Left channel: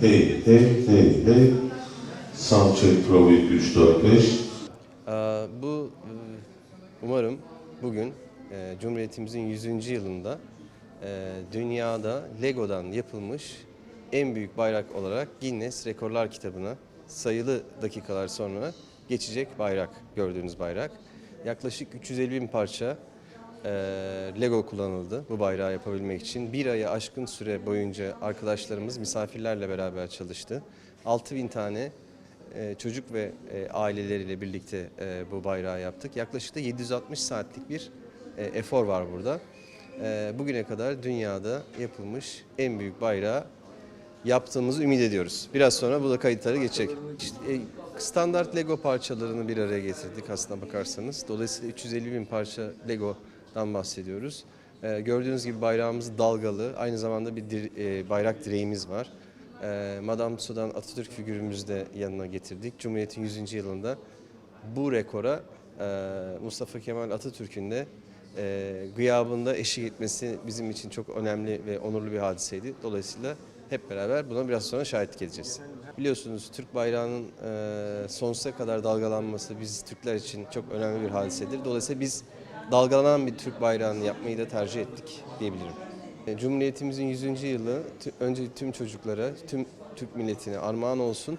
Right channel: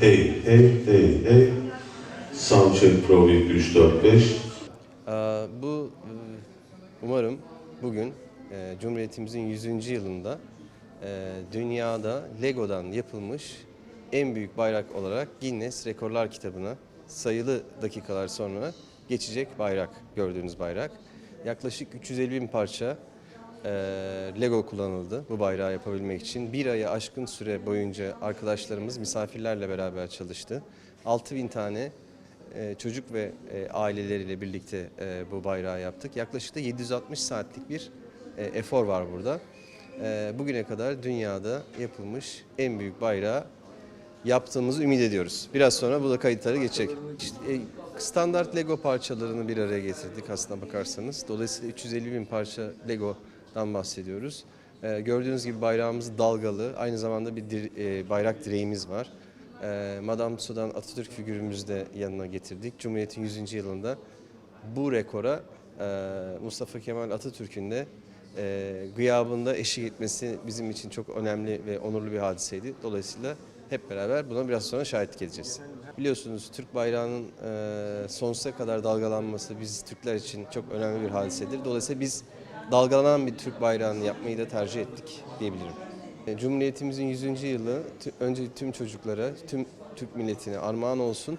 Hey, hey, hey, hey. Soundcheck Pro 3, 4, 5. Ee, Bu e, umarım bugün e, Cumhuriyetimizin 100. yılında e, dünyada Lego'dan yapılmış en büyük bayrak olarak Guinness Rekorlar kitabına sayılı dakikalar sonra geçecek bayrak, gördüğünüz bayrak. Yaklaşık 350 bin parça Lego kullanıldı bu bayrağı yapabilmek için. Bir ayı aşkın süre boyunca arkadaşlarımız misafirlerle beraber çalıştı. 6000 tane e, çocuk ve e, aileleriyle birlikte e, bu bayrağı yaptık. Yaklaşık da 760 saatlik bir e, efor var burada. E, bugüne kadar dünyada yapılmış en büyük bayrağı yaptığımızı ümit ediyoruz. Biraz sonra bu da kayıtlara geçecek. İşte, e, standart Lego parçalarını bir araya getirdik aslına bakarsanız. Dolayısıyla 350 bin parça Lego'dan bahsediyoruz. E, gördüğünüz gibi bayrağımız dalgalı. Aynı zamanda bir dir- e, bayrak direğimiz var. E, Madame Tussauds'dan Atatürk figürümüzü de yanına getirdik. Cumhuriyet'in 100. yılında bu rekora e, Mustafa Kemal Atatürk'ün de e, gıyabında eşlik etmesi bizim için çok önemli ve onurlu bir hadiseydi. Dolayısıyla hep beraber buna biraz sonra şahitlik edeceğiz. Biliyorsunuz Türk bayrağının e, sonsuza kadar dalgalanması biz Türkler için çok önemli bir hadisedir. Dolayısıyla biz dalgalanan bir Türk bayrağını yapmayı da tercih ettik diyebilirim. E, Cumhuriyetimizin 100. yılı önce tüm çocuklara, tüm Türk milletine armağan olsun.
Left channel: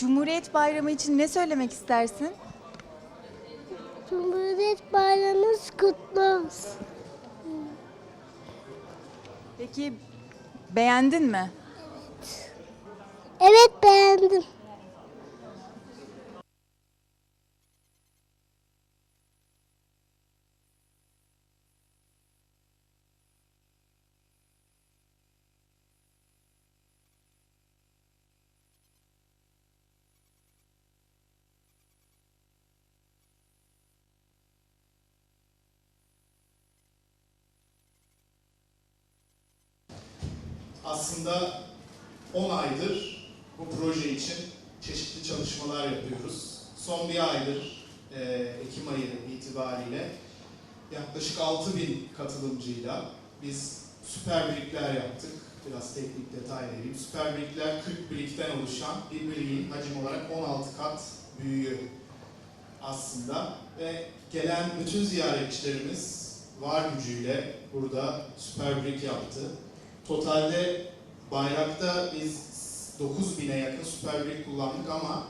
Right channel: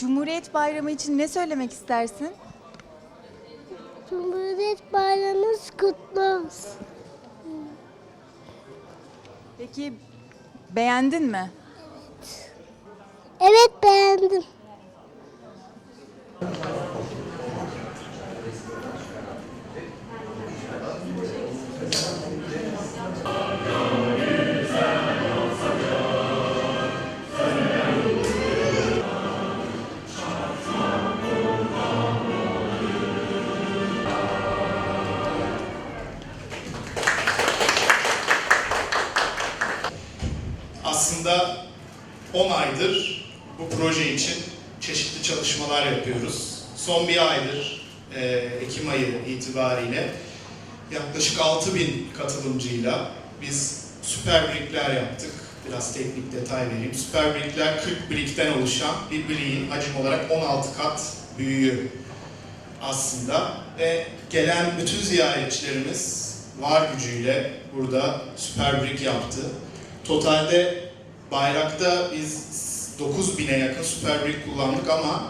Cumhuriyet Bayramı için ne söylemek istersin? Cumhuriyet Bayramınız kutlu olsun. Peki beğendin mi? Evet beğendim. Aydır bu proje için çeşitli çalışmalar yapıyoruz. Son bir aydır e, Ekim ayı itibariyle yaklaşık 6000 katılımcıyla biz süper brickler yaptık. Biraz teknik detay vereyim. Süper brickler 40 brickten oluşan bir brick'in hacim olarak 16 kat büyüğü aslında ve gelen bütün ziyaretçilerimiz var gücüyle burada süper brick yaptı. Totalde bayrakta biz 9000'e yakın süper brick kullandık ama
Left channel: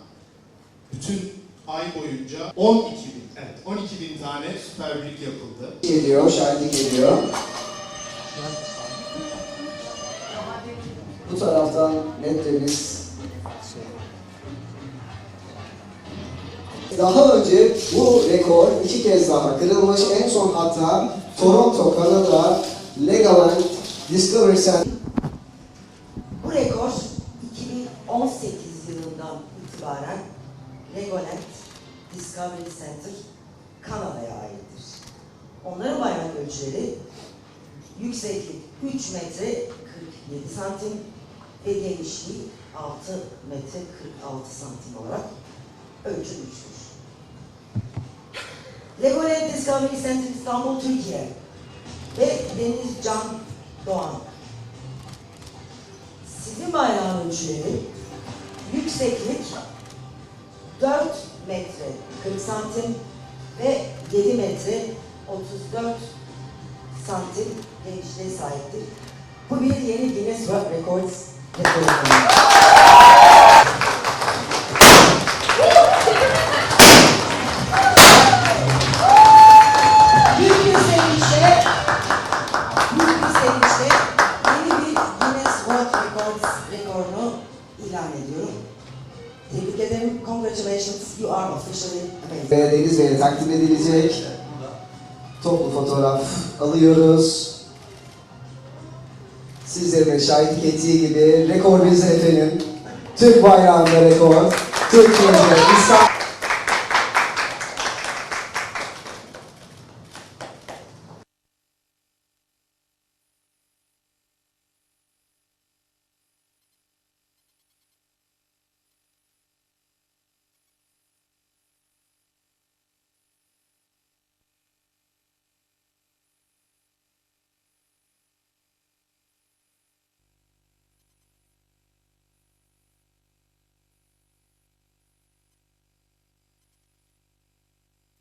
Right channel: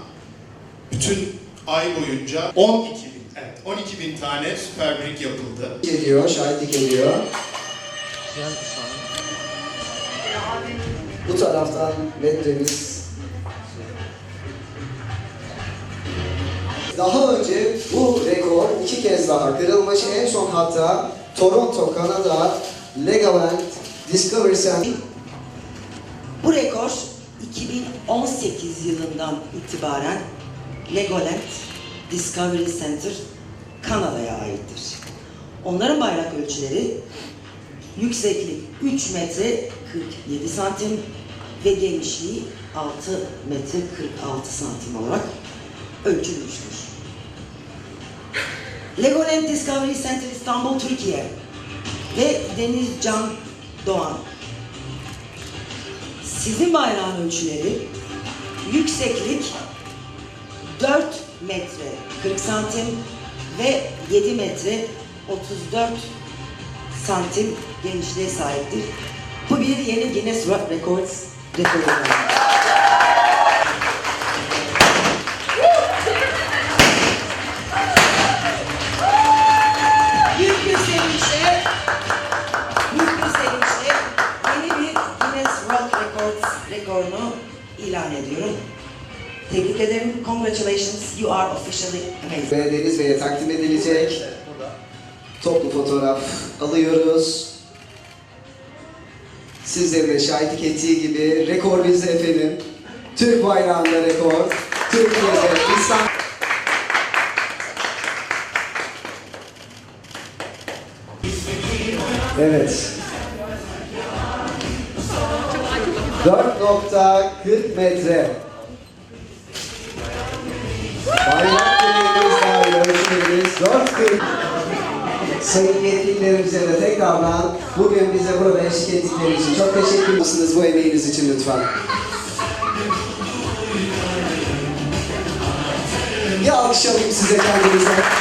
bütün ay boyunca 12 bin, evet 12 bin tane süper brick yapıldı. ediyor, şahitlik ediyor. Bu taraftan metremiz. Daha önce bu rekor iki kez daha kırılmış. En son hatta Toronto, Kanada, Legoland Discovery Center 2018 yılından itibaren Legoland Discovery Center Kanada'ya aittir. Onların bayrak ölçüleri yükseklik 3 metre 47 santim ve genişliği 6 metre 46 santim olarak ölçülmüştür. Legoland Discovery Center İstanbul, Türkiye ve Deniz Can Doğan sizin bayrağın ölçüleri Yükseklik 4 metre 40 santim ve 7 metre 34 santim genişliğe sahiptir. Bu bir yeni Guinness World Records rekoru. İlan ediyorum. Tebrik ederim. Congratulations. You are officially amazing. Ve Deniz Bey'e takdim edilecek toplu fotoğraf alıyoruz. Sizlerin de şahitlik ettiği gibi rekor bizde efendim. Türk bayrağında rekor. Türkiye'de İstanbul. Evet. 4.40 metre. Bayrak direğimiz dahil ölçülerimiz 4.40. Sayın yetkililerimize de tekrardan bugün bize burada eşlik ettikleri için çok teşekkür edersiniz bu emeğiniz için lütfen. Bir alkış alayım size kendinize.